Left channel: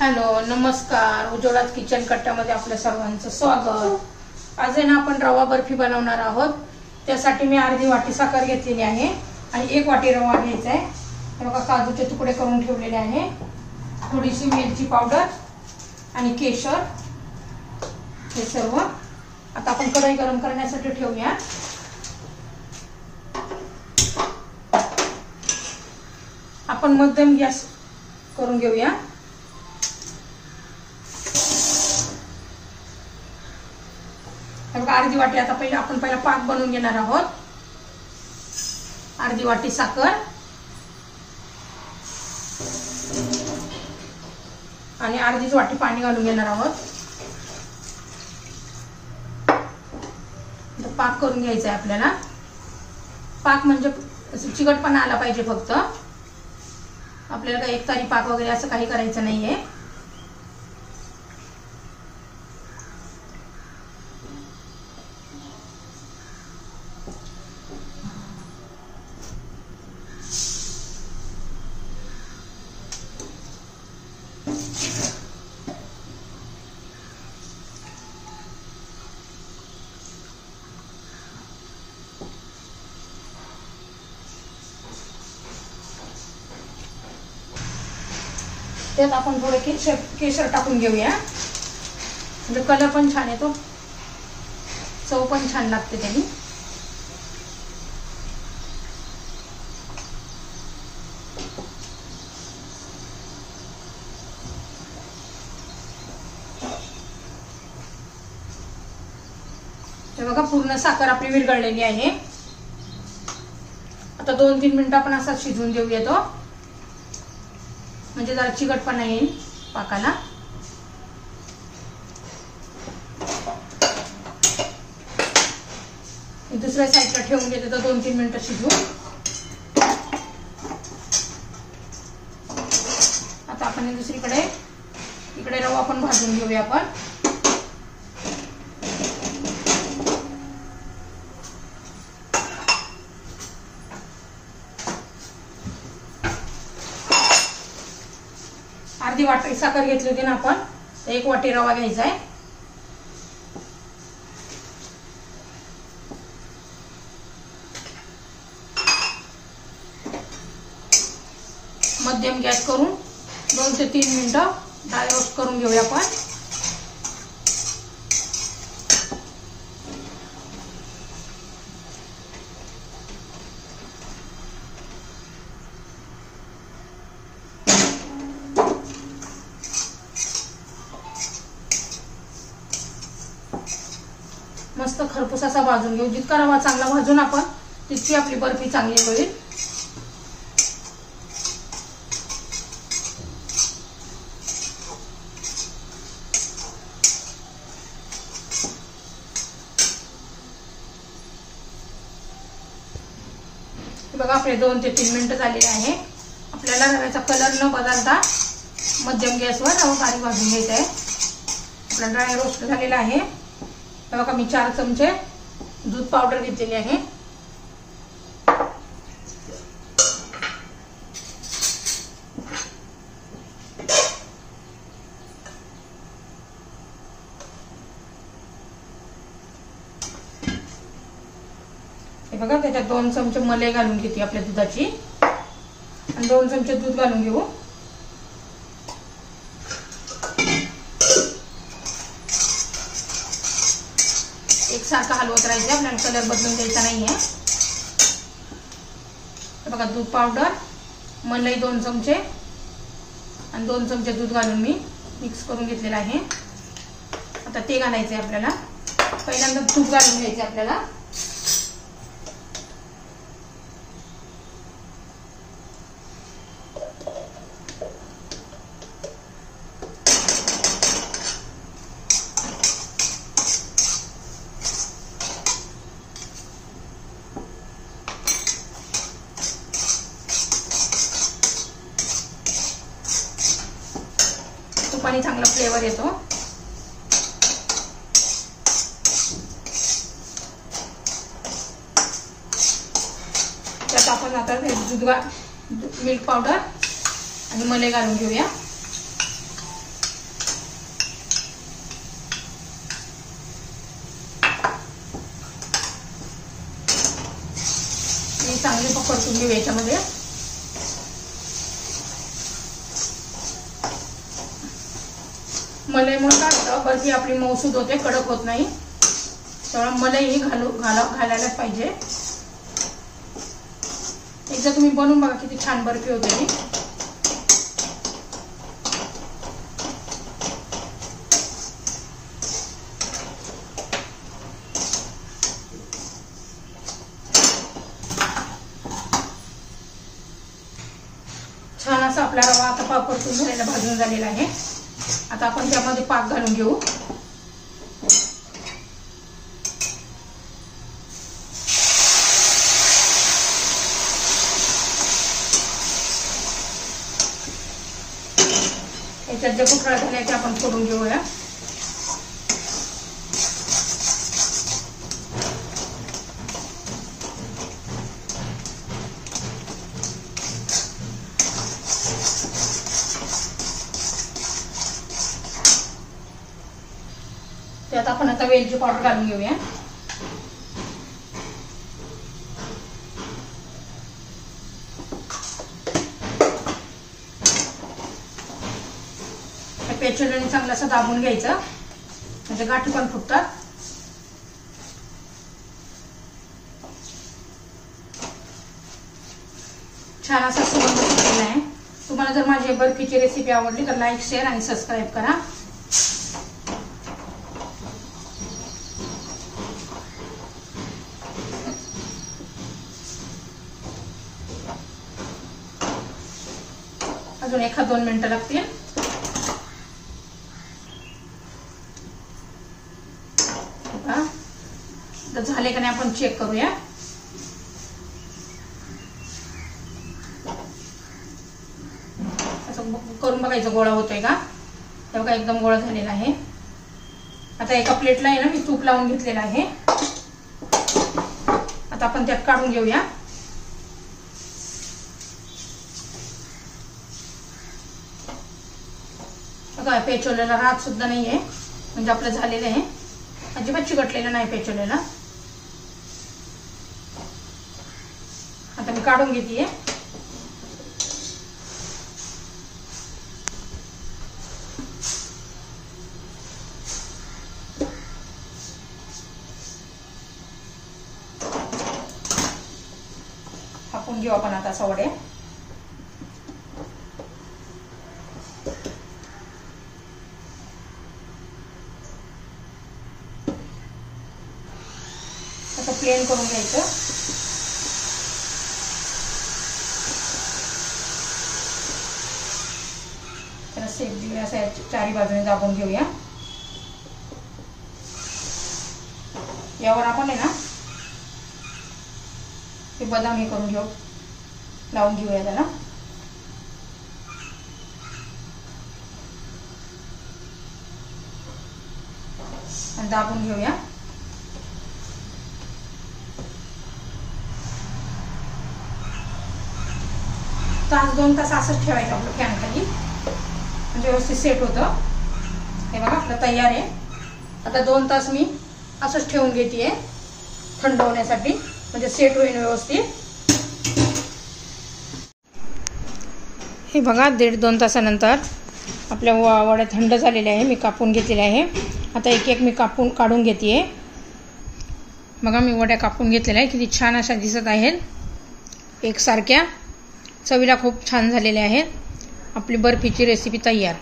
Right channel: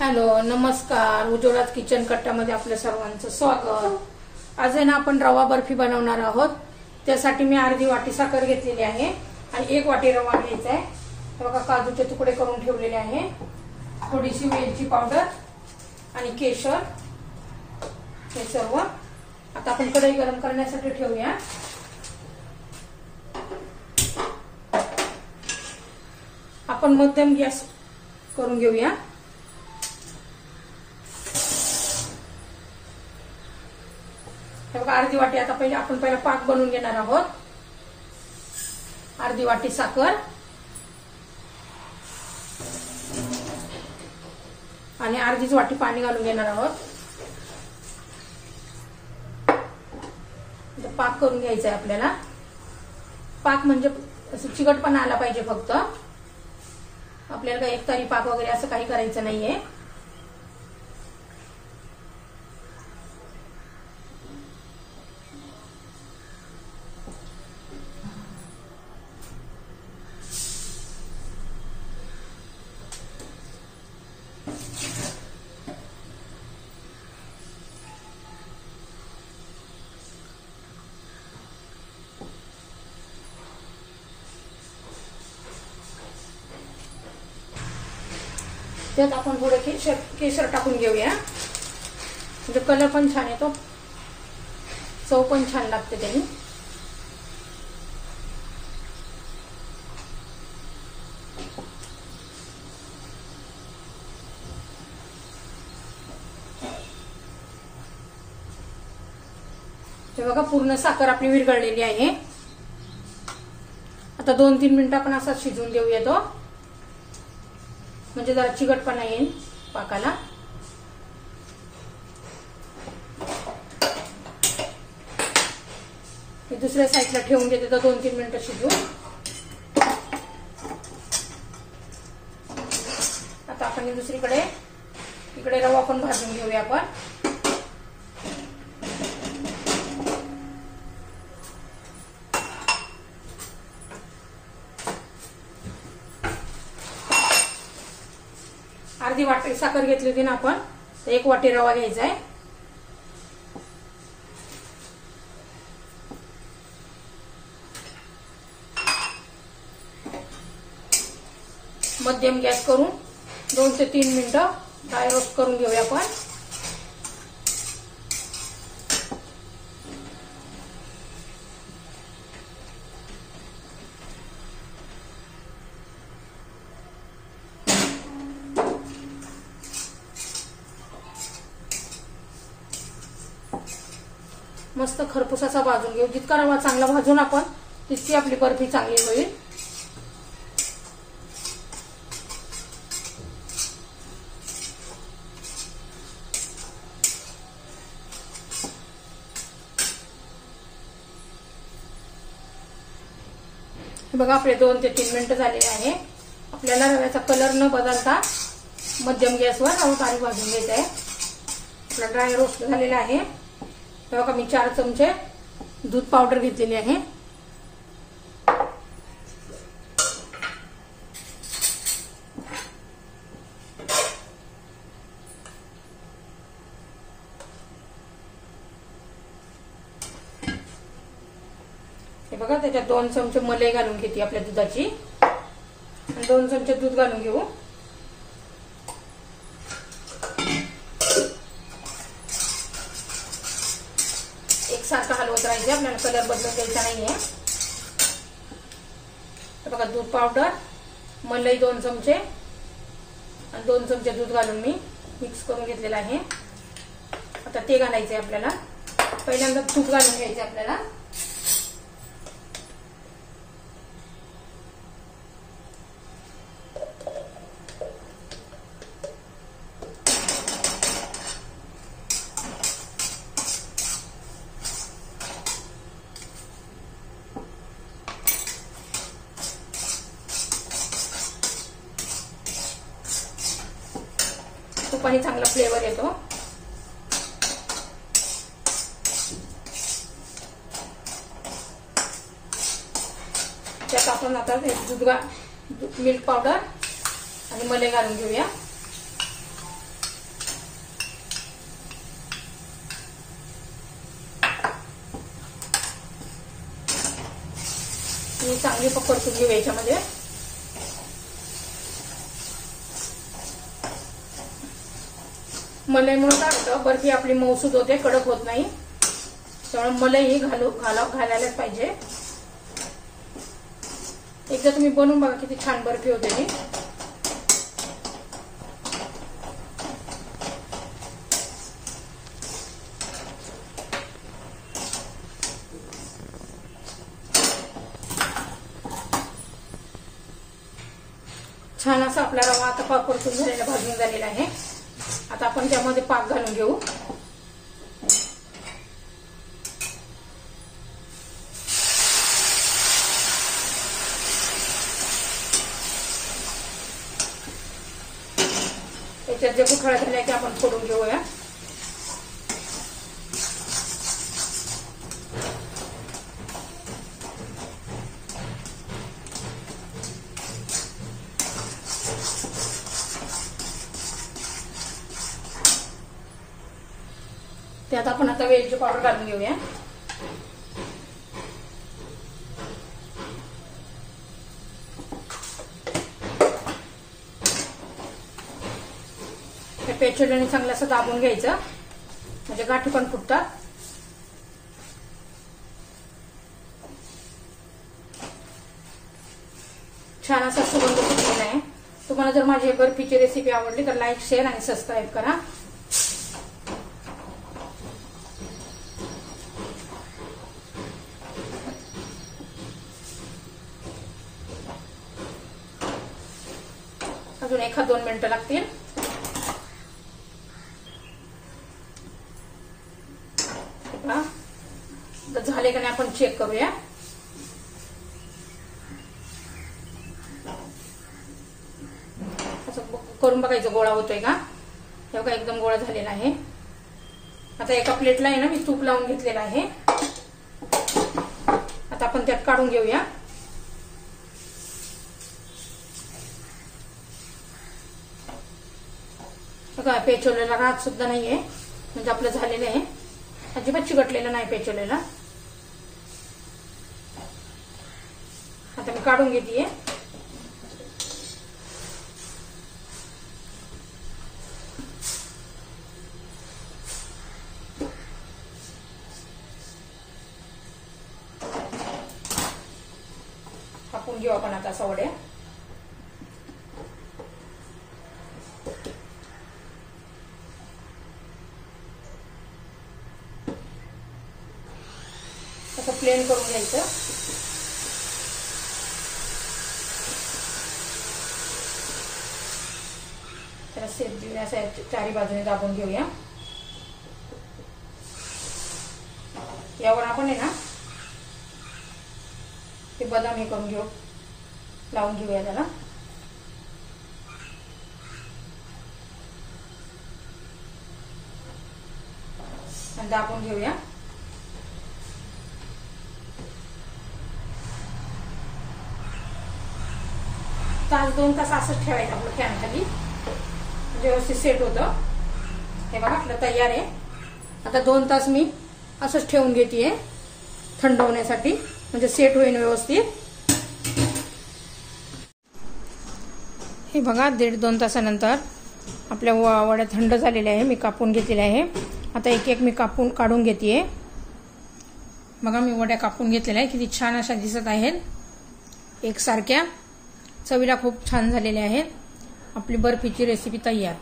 Hello नमस्कार, उज्ज्वलाच kitchen कट्ट्यामध्ये आपल्या सर्वांचं स्वागत। आज आहे ना आपण रवा बर्फी बनवणार आहोत। त्यासाठी मी अर्धी वाटी साखर घेतलेली आहे आणि 1 वाटी रवा घ्यायचा आहे। तर बघा काजूचे तुकडे करून ठेवलेले आहे, थोडीशी वेलची पावडर आणि केशर हे सर्व। आता आपण कढई गरम करण्यासाठी ठेवूया। आपण मध्यम गॅस करून घेऊया। अर्धी वाटी आता आपण पहिला पाक बनवून घेणार आहोत। अर्धी वाटी साखर आणि अर्धीच वाटी पाणी घालून घेणार आहोत। पाक करून घ्यायचा आहे आपल्याला। पाक म्हणजे चिकटपणा आला पाहिजे फक्त, आपल्याला काही एकतारी पाक वगैरे असं काही करायचं नाहीये। त्यात आपण थोडे केशर टाकून घेऊया, म्हणजे कलर पण छान येतो, चव पण छान लागते त्याने। बघा पूर्ण साखर आपली विरघळलेली आहे। आता 2-3 मिनिटं आपण असा शिजवून देऊया तो, म्हणजे जरा चिकटपणा येईल पाकाला। दुसऱ्या साईडला ठेवून घेते तर 2-3 मिनिटं शिजवून। आता आपण दुसरीकडे इकडे रवा पण भाजून घेऊया आपण। अर्धी वाटी साखर घेतली होती ना आपण, 1 वाटी रवा घ्यायचा आहे। मध्यम गॅस करून 2 ते 3 मिनिटं ड्राय रोस्ट करून घेऊया आपण। मस्त खरपूस असा भाजून घेऊ। जितका रवा चांगला भाजून आपण तितकी आपली बर्फी चांगली होईल। बघा आपले 2 ते 3 मिनिटं झालेले आहे। आपल्याला रव्याचा कलर न बदलता मध्यम गॅसवर रवा बारीक भाजून घ्यायचा आहे। आपला ड्राय रोस्ट झालेला आहे। बघा मी 4 चमचे दूध पावडर घेतलेली आहे। हे बघा त्याच्यात 2 चमचे मलाई घालून घेते आपल्या दुधाची आणि 2 चमचे दूध घालून घेऊ। एकसारखं हलवत राहायचं, आपल्याला कलर बदलून द्यायचा नाहीये। बघा दूध पावडर, मलाई 2 चमचे आणि 2 चमचे दूध घालून मी मिक्स करून घेतलेला आहे। आता ते घालायचंय आपल्याला। पहिल्यांदा तूप घालून घ्यायचं आपल्याला। तुपाने चांगला फ्लेवर येतो। त्यात आपण आता मिल्क पावडर आणि मलाई घालून घेऊया। चांगली परतून घेऊ याच्यामध्ये. मलईमुळे काय होतं, बर्फी आपली मऊसूद होते, कडक होत नाही. त्यामुळे मलई ही घालायलाच पाहिजे. एकदा तुम्ही बनवून बघा किती छान बर्फी होते ही. छान असा आपला रवा आता परतून झालेला, भाजून झालेला आहे. आता आपण त्यामध्ये पाक घालून घेऊ. याच्यात जे गुठळा झालाय ते आपण फोडून घेऊया. त्यात आपण आता वेलची पावडर घालून घेऊया. पेचोलीने चांगलं असं दाबून घ्यायचं, म्हणजे गाठी पण फुटतात. छान असा सुगंध सुटलेला आहे. तुम्हाला जर माझी बर्फीची रेसिपी आवडली तर लाईक, शेअर आणि सबस्क्राईब करा. अजून 1-2 मिनिटं लागतील. झाले का नाही आपण चेक करूया. असं करून बघायचं गोळा होतोय का. तेव्हा एकदम गोळा झालेला आहे. आता एका प्लेटला आहे ना मी तूप लावून घेतलेलं आहे. आता आपण त्यात काढून घेऊया. बघा पेचोलेला रात सुद्धा नाहीये, म्हणजे आपलं झालेलं आहे. अजिबात चिकटलेलं नाही पेचोलेला. आता मी काढून घेतीये. कापून घेऊ आपण आता सवडे. आता प्लेन करून घ्यायचं. त्याला शेप देऊया, असं चारी बाजूने दाबून घेऊया. यावर आपण आहे ना ते बदाम हे करून घेऊ, लावून घेऊया त्याला. आणि दाबून घेऊया. तास 2 तास असंच ठेवायचं आपलं फॅन खाली, म्हणजे व्यवस्थित सेट होतं. हे बघा आपलं तयार आहे. आता 2 तास मी असंच ठेवून घेते थंड होण्यासाठी, म्हणजे सेट होईल व्यवस्थित. हे बघा 1.5-2 तासानंतर आपल्या वड्या थंड झालेल्या आहे. मी कापून घेतलेल्या आहे. आता एक मी काढून घेते. बघा मी वड्या कापून घेतलेल्या आहे. किती छान अशा दिसत आहेत एकसारख्या. चवीला खूप छान झालेल्या आहेत. आपली बर्फीची रेसिपी तयार.